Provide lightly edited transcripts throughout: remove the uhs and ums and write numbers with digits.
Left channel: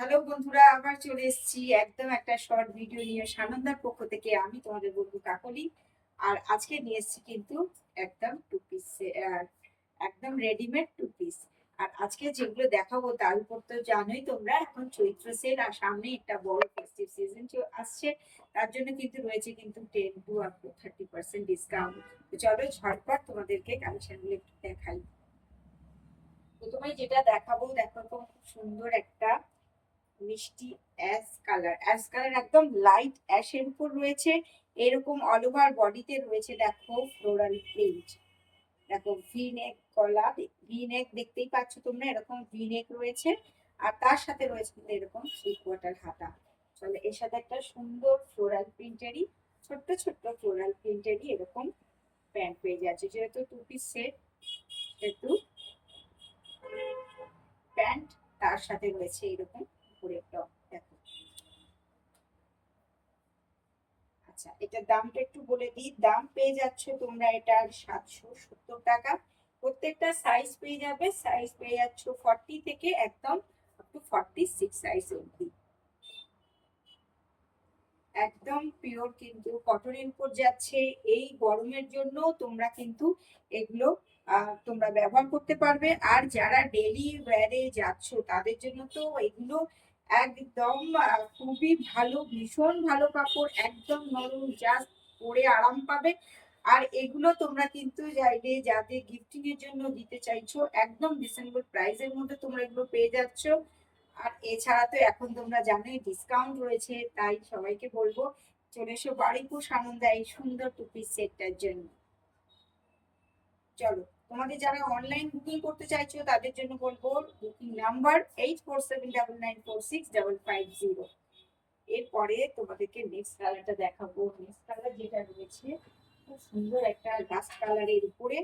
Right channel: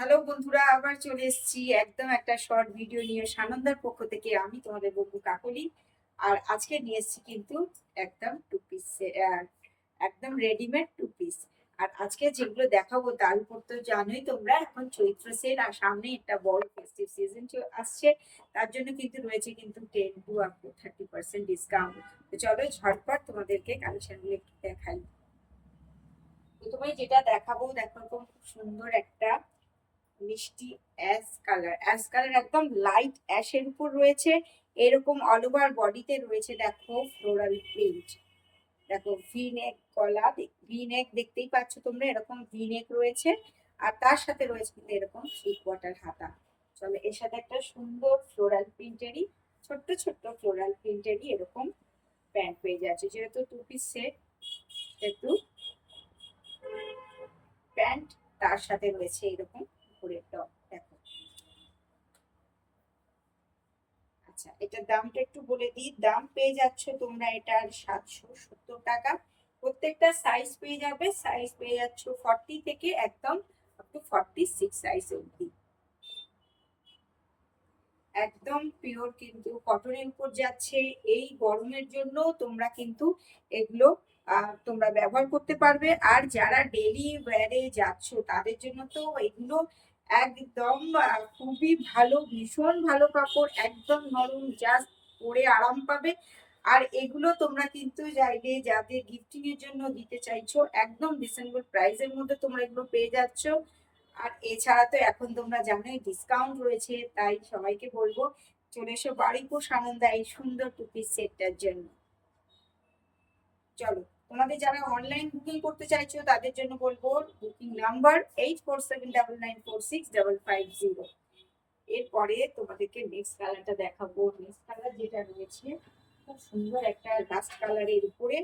Hello বন্ধুরা, আবার চলে এসেছি একদম একটা শর্ট ভিডিও নিয়ে সানন্দার পক্ষ থেকে। আমি তোমাদের বন্ধু কাকলি। আর আজকে নিয়ে এসেছি কিন্তু একদম টু পিস, একদম রেডিমেড টু পিস। আর আজকে যেগুলো দেখাবো তার উপর তো জানোই তোমরা, এখন চৈত্র সেল আর সামনে একটা বড় ফেস্টিভ সিজন আসছে। তার জন্য কিন্তু রয়েছে কিন্তু 10 to up to 30% ডিসকাউন্ট। তো চলো ঝটপট তোমাদেরকে কালেকশনগুলো একটু দেখাই। প্রথমে যেটা দেখাবো, দেখো খুব সুন্দর একটা মিষ্টি অ্যাশ কালার একদম লাইট অ্যাশের উপর রয়েছে। এরকম অল ওভার বডিতে রয়েছে দেখো ফ্লোরাল প্রিন্ট। দেখো ভি নেক গলা, ভি নেক দেখতেই পাচ্ছ তোমরা, এরকম ভি নেক রয়েছে। আর তার সাথে রয়েছে কিন্তু এরকম 3/4 হাতা। চলো এর সাথে একটা সুন্দর ফ্লোরাল প্রিন্টেরই, ছোট্ট ছোট্ট ফ্লোরাল প্রিন্টেরই এরকম প্যান্ট পেয়ে যাচ্ছে। যেহেতু টু পিস সেট, একটু প্যান্ট তার সাথে রয়েছে এরকম উপরের টপ। দেখো, আচ্ছা এটার দামটা একটু বলে দিই। দাম পেয়ে যাচ্ছে তোমরা এটার 770 টাকা। প্রত্যেকটা সাইজ পেয়ে যাবে, সাইজ পেয়ে যাচ্ছ 40 থেকে একদম আপ টু 46 সাইজ অবধি। একদম পিওর কিন্তু কটনের উপর যাচ্ছে। এই গরমের জন্য তোমরা কিন্তু এগুলো তোমরা ব্যবহার করতে পারবে। আর যারা ডেলি ওয়্যারে যাচ্ছ তাদের জন্য তো এগুলো একদম খুবই ভালো, ভীষণ ভালো কাপড়, একদম নরম, জাস্ট পরে আরাম পাবে। আর এগুলো তোমরা কিন্তু চাইলে যাদের গিফটিং এর জন্য দিতে চাইছো, একদম রিজনেবল প্রাইসের মধ্যে তোমরা এগুলো পেয়ে যাচ্ছ। আর এছাড়া তো এখন তোমরা জানোই ডিসকাউন্ট রয়েছে, তাই সবাইকে বলবো চলে এসো বারুইপুর সানন্দা এই সুন্দর টু পিস সেটটার জন্য। চলো, তোমাদের যারা অনলাইন বুকিং করতে চাইছো তাদের জন্য বলবো বুকিং নাম্বার 8479946550। এরপরে তোমাদেরকে নেক্সট কালারটা দেখাবো। নেক্সট কালার যেটা রয়েছে খুব সুন্দর একটা রাস্ট কালারের উপরে।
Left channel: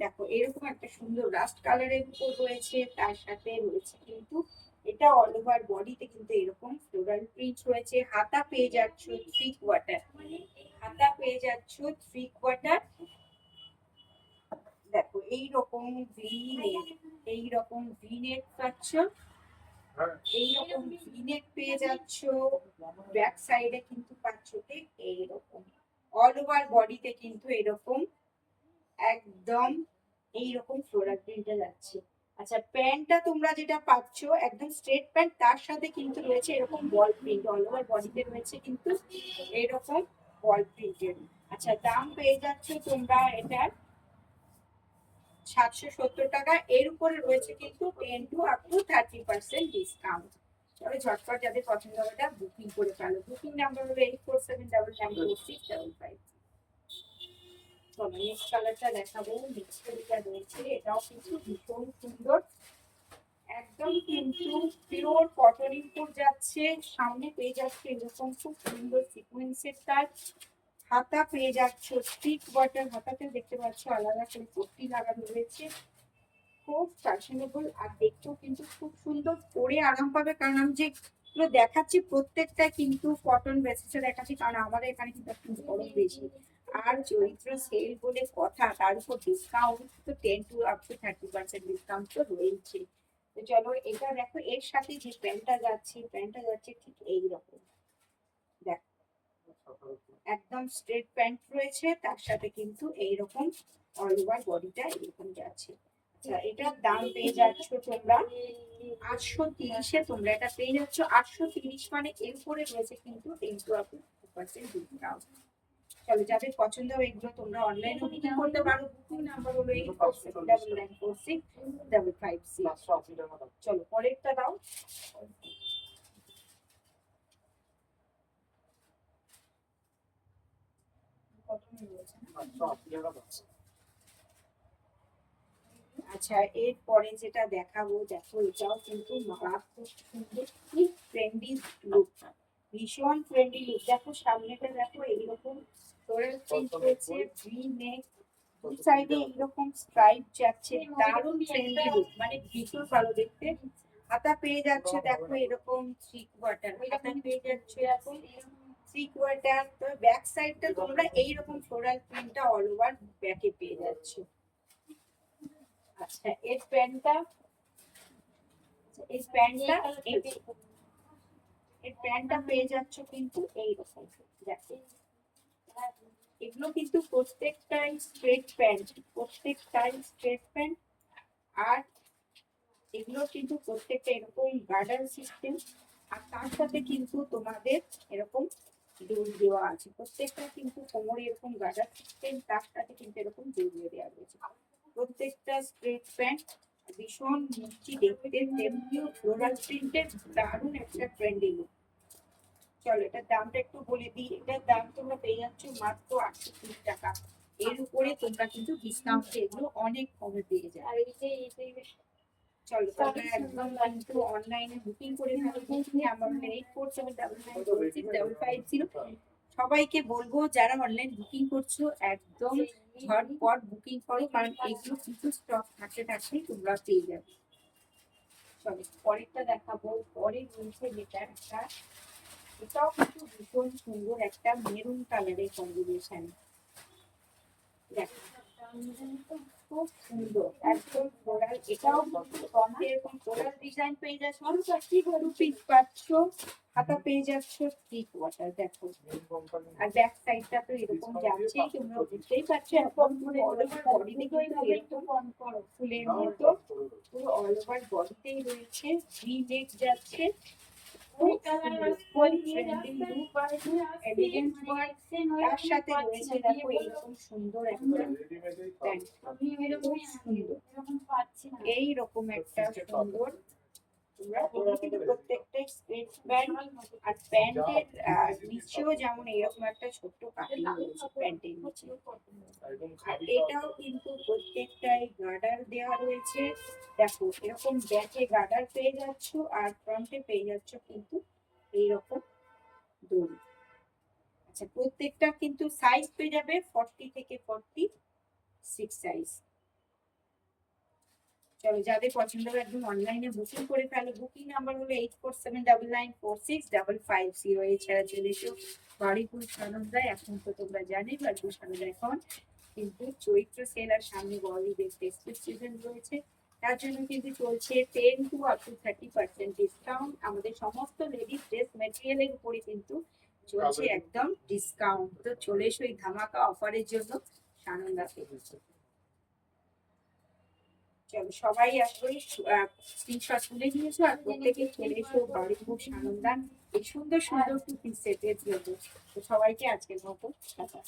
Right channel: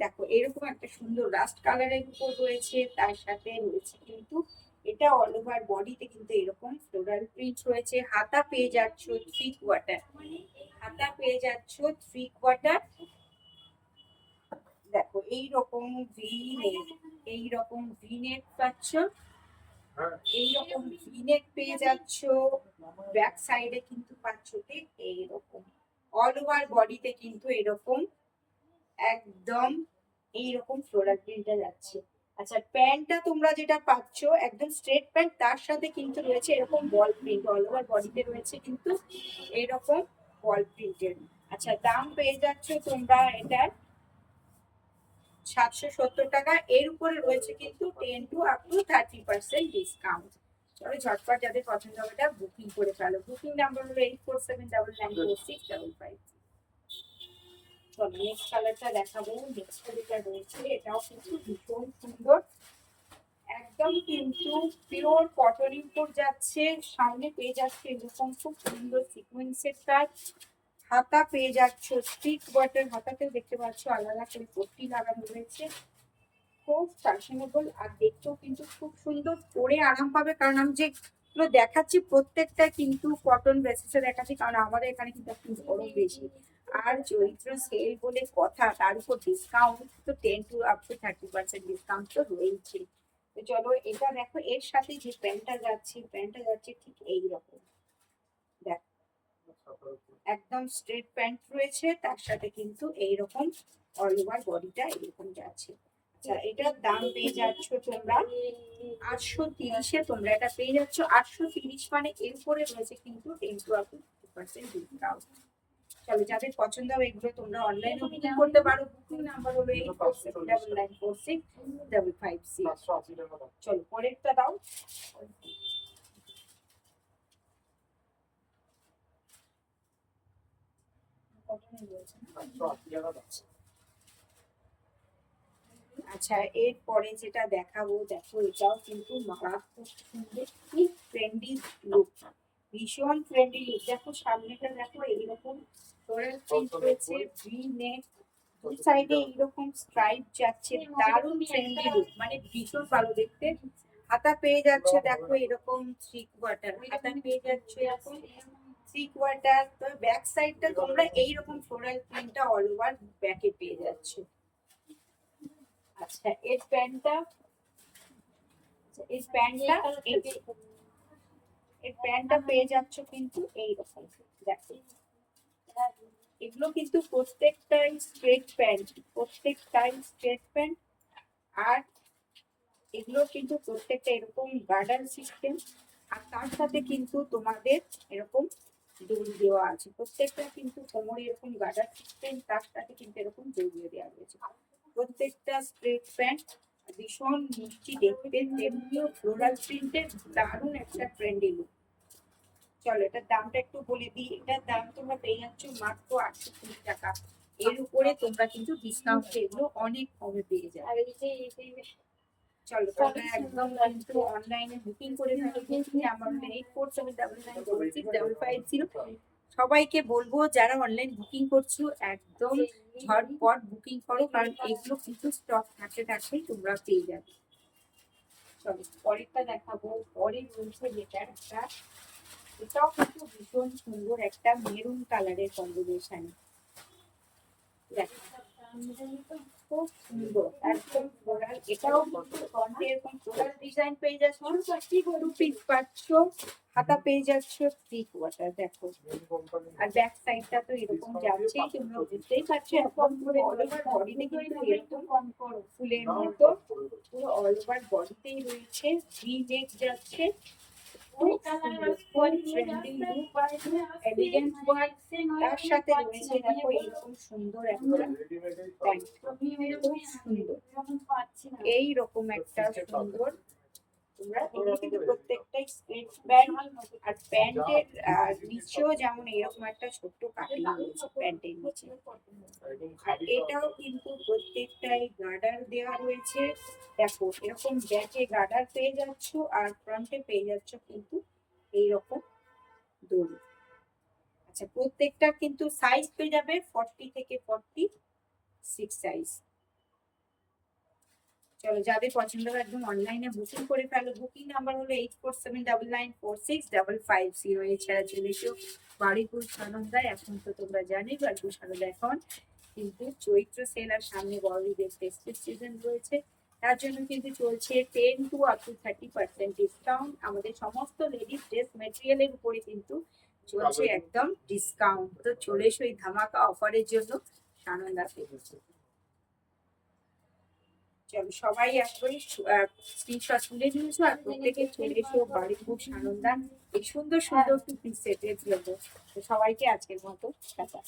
দেখো এরকম একটা সুন্দর রাস্ট কালারের উপর রয়েছে, তার সাথে রয়েছে কিন্তু এটা অল ওভার বডিতে কিন্তু এরকম ফ্লোরাল প্রিন্ট রয়েছে। হাতা পেয়ে যাচ্ছ 3/4, হাতা পেয়ে যাচ্ছ 3/4। দেখো এইরকম ভি নেক, এইরকম ভি নেক পাচ্ছ, এইরকম ভি নেক পেয়ে যাচ্ছ। ব্যাক সাইডে কিন্তু পাচ্ছ ঠিক এইরকম, অল ওভার বডিতে কিন্তু এরকম একদম এইরকম ফ্লোরাল প্রিন্টটা যাচ্ছে। আচ্ছা প্যান্টটা তোমরা যেটা পাচ্ছ একদম স্ট্রেট প্যান্ট, তার সাথে কিন্তু রয়েছে এরকম বল প্রিন্ট, অল ওভার বডিতে রয়েছে কিন্তু এইরকম বল প্রিন্টের। আচ্ছা দাম পেয়ে যাচ্ছ তোমরা এটার 770 টাকা। এর উপরে রয়েছে কিন্তু 10 to up to 30% ডিসকাউন্ট। চলো ঝটপট যাদের পছন্দ হবে এটা বুকিং করে ফেলো। বুকিং নাম্বার হলো 8479946555। চলো নেক্সট কালারটা দেখাবো। নেক্সট যেটা রয়েছে এটাও কিন্তু ভীষণ সুন্দর, একদম কিন্তু পিওর কটনের উপর যাচ্ছে। সামনে পেয়ে যাচ্ছে এরকম খুব সুন্দর সিকোয়েন্সের কাজ। হাতা পেয়ে যাচ্ছ 3/4, হাতাতে দেখতে পাচ্ছ আলাদা করে পট্টি লাগানো রয়েছে। খুব ফ্যাশনেবল আর দেখতেও কিন্তু খুব সুন্দর, পরে আরাম পাবে। কারণ আমি যেগুলো দেখাচ্ছি প্রত্যেকটা কিন্তু কটন বেসিসে দেখাচ্ছি, কারণ আমাদের এখানে কিন্তু একটু গরম বেশি। আর চৈত্র সেল বলে কথা, তার উপর ডিসকাউন্ট তো 10 to up to 30% ডিসকাউন্ট তো রয়েছে। তো চলো এটা দেখো, এর সাথে যে প্যান্টটা যাচ্ছে, প্যান্টটা যাচ্ছে ঠিক এইরকম। দেখো একদম স্ট্রেট প্যান্ট রয়েছে, তার সাথে কিন্তু এইরকম অল ওভার বডিটা এরকম যাচ্ছে। আচ্ছা এটার দাম পেয়ে যাচ্ছ তোমরা 830-এ। তোমরা এটা পেয়ে যাচ্ছ 830, মানে এর উপরে রয়েছে কিন্তু 10 to up to 30% ডিসকাউন্ট। চলো যাদের পছন্দ হবে এগুলো তোমরা অনলাইনে বুকিং করতে পারো। বুকিং নাম্বার হলো 8479946556। চলো পরেরটা দাও। কটনের রয়েছে না? আচ্ছা এরপরে যেটা দেখাবো, দেখো এটাও কিন্তু মারাত্মক সুন্দর, কি ট্রেন্ডি লুক, ভীষণ ট্রেন্ডি লুক। দেখো সামনেটা দেখো এইরকম ফ্লোরাল প্রিন্ট রয়েছে, ভি নেক, দুই সাইডে এইরকম স্ট্রাইপ যাচ্ছে, দারুণ ট্রেন্ডি লুক, মানে ভীষণ ভালো দেখতে। হাতা পেয়ে যাচ্ছে দেখো এরকম 3/4, হাতা পেয়ে যাচ্ছে এরকম 3/4। তো ব্যাক সাইডটা তোমরা এইরকম ফ্লোরাল প্রিন্টটা অল ওভার ব্যাকে পেয়ে যাচ্ছে। আচ্ছা এর প্যান্টটা, এই প্যান্টটা এই প্যান্টটা পেয়ে যাচ্ছ কিন্তু এইরকম, দেখো এগুলো কিন্তু প্রত্যেকটাই স্ট্রেট প্যান্ট, প্রত্যেকটাই স্ট্রেট প্যান্ট। আর এগুলো কিন্তু প্রত্যেকটা এরকম গার্ডার সিস্টেম, আর তার সাথে কিন্তু তোমাদের এরকম দড়ি দেওয়া আছে, প্রত্যেকটা কিন্তু কোমরে এরকম গার্ডার সিস্টেম, তার সাথে কিন্তু এরকম দড়িয়ে দেওয়া রয়েছে। প্রত্যেকটা স্ট্রেট প্যান্ট ভীষণ মিষ্টি দেখতে, তেমনিও ফ্লোরাল প্রিন্টের দারুণ একটা ট্রেন্ডিং। চলো এটার দামটা একটু বলে দিই। এটার দাম তোমরা পেয়ে যাচ্ছ মাত্র 830 টাকা। এর উপরে তোমরা কিন্তু ডিসকাউন্ট এগুলো অনেক কমে পেয়ে যাবে। আর এই যে চলো তোমরা একদম কিন্তু অনলাইনে বুকিং করে আমার 847799465550। সবাইকে বলবো যারা অনলাইন বুকিং করছো একদম ঝটপট বুকিং করো, কারণ এগুলো কিন্তু স্টক থাকতে থাকতেই তোমরা পেয়ে যাবে। চলো পরেরটা দেখাবো। পরে রয়েছে যেটা একটা, এটাও কিন্তু ভীষণ সুন্দর একটা মেরুন কালারের কম্বিনেশন। দেখো খুব সুন্দর একদম ফ্লোরাল, এটাও ফ্রন্টে এরকম ফ্লোরাল ডিজাইন পেয়ে যাচ্ছ, টু পিস পাচ্ছ, হাতা পেয়ে যাচ্ছ 3/4। দেখো আর ব্যাক সাইডটা তো এরকম যাচ্ছে, তোমরা বুঝতেই পারছো এখন পুরো অল ওভার বডিতে কিন্তু এরকম ফুলের মতো পুরো অল ওভার বডিতেই রয়েছে, ভি নেক যাচ্ছে। তার সাথে রয়েছে দেখো এরকম সুন্দর একটা এইরকম একটা সুন্দর, তোমরা এগুলো কিন্তু প্রত্যেকটাই স্ট্রেট প্যান্ট, আর প্যান্টের নিচেও যেমন এরকম একটা ছোট্ট কাটিং রয়েছে প্যান্টের নিচে। আর এটাও কিন্তু প্রত্যেকটাই গার্ডার দেওয়া রয়েছে, দেখো এরকম ব্যাকে গার্ডার পেয়ে যাচ্ছ, আর ফ্রন্টে পেয়ে যাচ্ছ কিন্তু এইরকম দড়ি। আচ্ছা প্রত্যেকটা কিন্তু সাইজ পেয়ে যাবে 40 থেকে 46 সাইজ। চলো যাদের পছন্দ হয় একদম অনলাইনে বুকিং করে ফেলো। বুকিং নাম্বার হলো 8479946550। এছাড়া চলে এসো বাড়িপুর সানন্দায়। এখন তো তোমরা জানোই বাড়িপুর সানন্দা এখন কিন্তু চৈত্র সেল আর সামনে বড় ঈদের ফেস্টিভ সিজন রয়েছে, তার জন্য কিন্তু চলছে 10 to up to 30% ডিসকাউন্ট। আমাদের সমস্ত লেডিস ড্রেস মেটেরিয়ালের উপরে কিন্তু চলছে একদম ডিসকাউন্ট। তো চলে এসো এই ধামাকা অফারের জন্য সানন্দাতে। চলো সবাই একবারে স্ক্রিনশট তুলে নিয়েছো, আর প্রত্যেকে চলে এসো বাড়িপুর সানন্দার এই সুন্দর সুন্দর টু পিস সেটের জন্য। তো সবাইকে আজকের মতো টাটা।